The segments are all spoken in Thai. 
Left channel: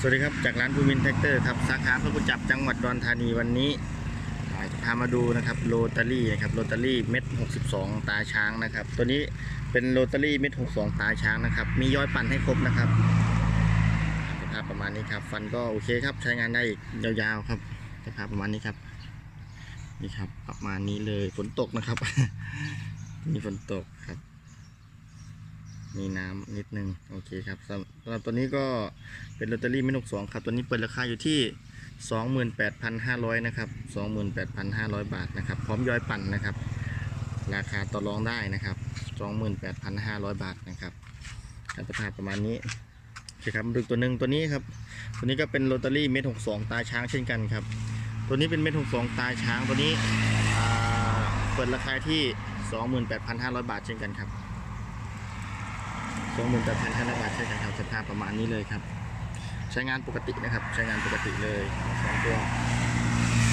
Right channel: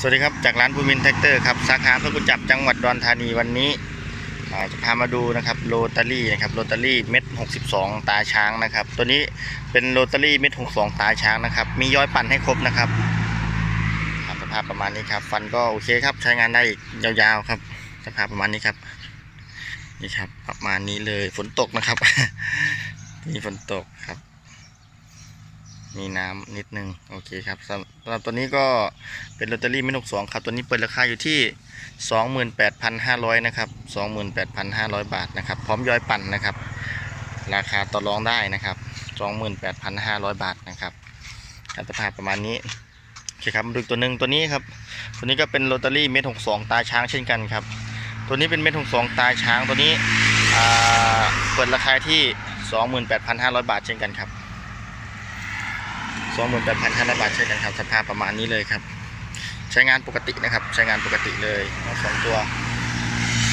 สวัสดีครับ จากร้านภูมินแท็กเตอร์ครับสาขาพระกุจับจังหวัดดอนธานีวันนี้จะพามาดูนะครับโรตารี่นะครับโรตารี่เม็ด62 ตาช้างนะครับ ตัวนี้เป็นโรตารี่เม็ด62 ตาช้างนะครับ มีย้อยปั่นให้ครบนะครับครับสภาพประมาณนี้ครับ ฟันก็โอเคครับใช้งานได้อีกยาวๆครับสภาพประมาณนี้ครับนี่ครับประมาณนี้เลยฝนตกนะครับมีฝนตกครับ มีน้ำนิดนึงโอเคครับสำหรับตัวนี้ก็เป็นลอตเตอรี่ไม่นกสองครับ ตัวนี้เปิดราคาอยู่ที่ 28,500นะครับ28,500 บาทนะครับพร้อมย้อยปั่นนะครับ ราคาต่อรองได้นะครับ 28,500 บาทนะครับการสภาพประมาณนี้โอเคครับดูตัวหนึ่งตัวนี้ครับ ตัวนี้ก็เป็นลอตเตอรี่เม็ด62ตาช้างเช่นกันครับ ตัวนี้เป็นเม็ด62ตาช้างตัวนี้เปิดราคาที่ 28,500 บาทเช่นกันครับ สองหมื่นแปดพันห้าร้อยบาทเช่นกันครับสภาพประมาณนี้เลยครับ ใช้งานปกตินะครับ ใช้งานปกติเลยทั้งสองตัว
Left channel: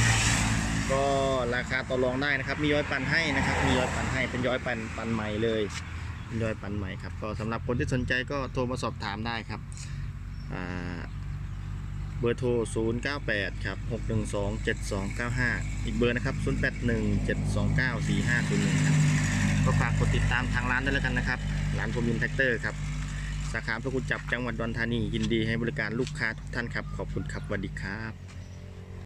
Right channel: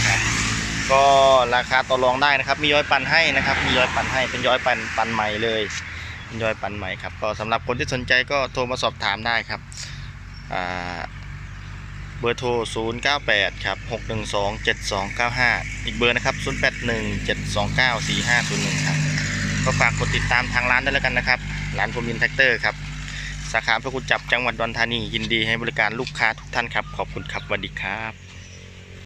ครับก็ราคาต่อรองได้นะครับ มีย้อยปันให้นะครับ มีย้อยปันให้เป็นย้อยปันปันใหม่เลยเป็นย้อยปันใหม่ครับก็สำหรับคนที่สนใจก็โทรมาสอบถามได้ครับเบอร์โทร 098 ครับ 612 7295 อีกเบอร์นะครับ 081 729 4501 ครับ ก็ฝากกดติดตามทางร้านได้แล้วกันนะครับ ร้านภูมินแท็กเตอร์ครับ สาขาพระคุณจับจังหวัดดอนธานียินดีให้บริการลูกค้าทุกท่านครับ ขอบคุณครับสวัสดีครับ